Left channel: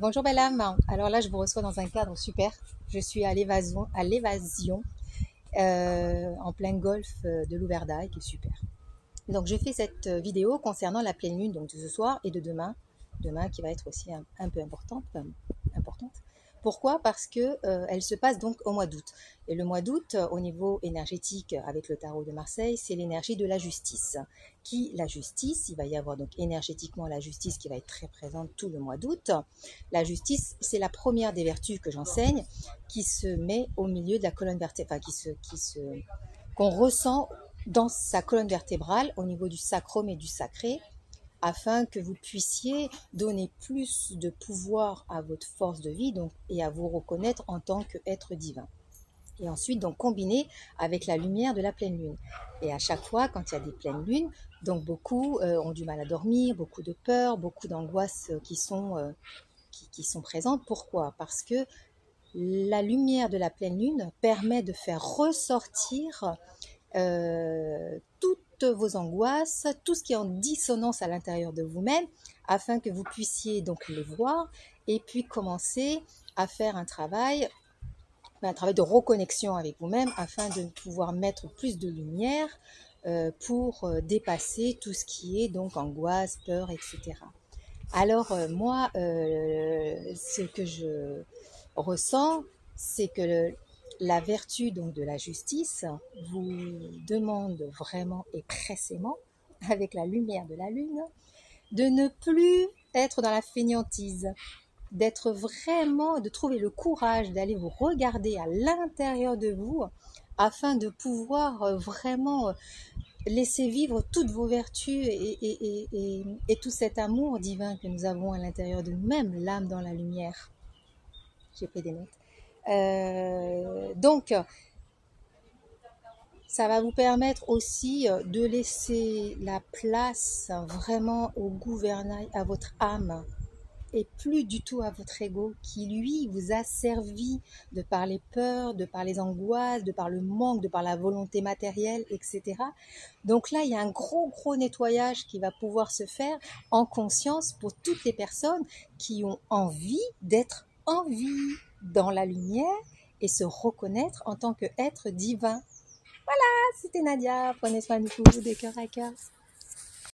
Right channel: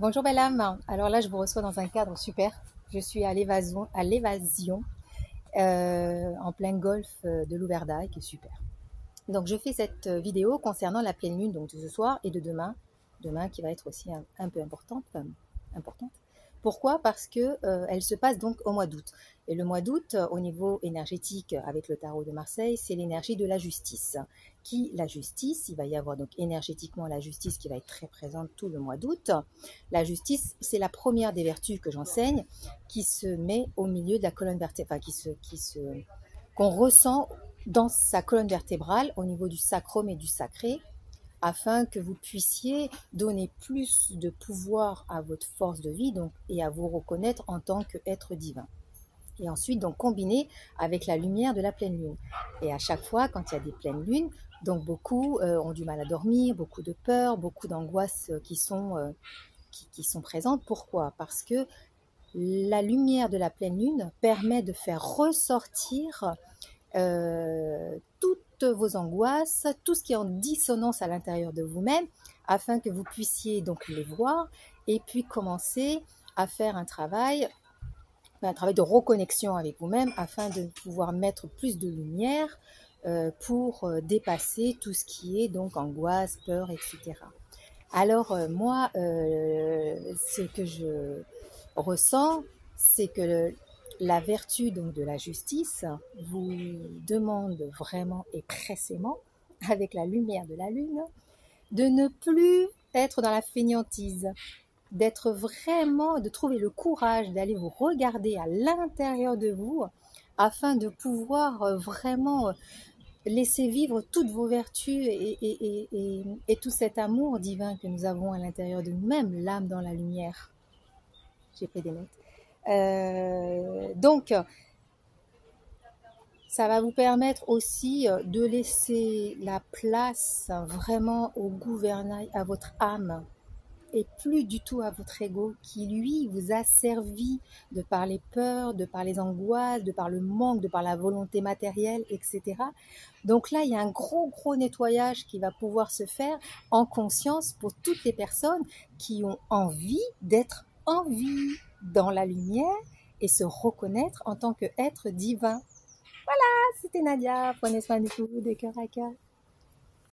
Bonjour belle âme. Alors là, je vous reçois dans un cadre super. Je suis à l'évasion en plein golfe de Louverdaille, qui est super. Donc je fais cette vidéo concernant la pleine lune donc de ce soir et de demain qui va être aussi un peu importante. Pourquoi? Parce que elle se passe donc au mois d'août. Et le mois d'août, au niveau énergétique, avec le tarot de Marseille, c'est l'énergie de la justice. La justice, il va y avoir donc énergétiquement la justice qui va être très présente tout le mois d'août. La justice, c'est la première des vertus que j'enseigne, qui se met au milieu de la colonne vertébrale, qu'on ressent dans sa colonne vertébrale, au niveau du sacrum et du sacré, afin que vous puissiez donner plus de pouvoir à votre force de vie donc, et à vous reconnaître en tant qu'être divin. Et ensuite, donc, combiner avec la lumière de la pleine lune. Et à chaque fois, quand il y a des pleines lunes, donc beaucoup ont du mal à dormir, beaucoup de peur, beaucoup d'angoisses qui sont présentes. Pourquoi? Parce que la lumière de la pleine lune permet de faire ressortir toutes vos angoisses, tout ce qui est en dissonance à l'intérieur de vous-même, afin que vous puissiez donc les voir et puis commencer à faire un travail de reconnexion avec vous-même, afin de pouvoir mettre plus de lumière pour dépasser tout ce qui est donc angoisse, peur, etc. Alors moi, ce que je ressens, c'est que la vertu donc de la justice vous demande vraiment et pressément, avec la lumière de la lune, de ne plus être dans la fainéantise, d'être vraiment, de trouver le courage d'aller vous regarder à l'intérieur de vous, afin de pouvoir vraiment laisser vivre toutes vos vertus et tout cet amour divin que nous avons à l'intérieur de nous-mêmes, l'âme dans la lumière. J'ai pris des notes. Donc, ça va vous permettre aussi de laisser la place vraiment au gouvernail, à votre âme, et plus du tout à votre ego qui, lui, vous a servi de par les peurs, de par les angoisses, de par le manque, de par la volonté matérielle, etc. Donc là, il y a un gros nettoyage qui va pouvoir se faire en conscience pour toutes les personnes qui ont envie d'être en vie dans la lumière et se reconnaître en tant qu'être divin. Voilà, c'était Nadia. Prenez soin de vous, de cœur à cœur.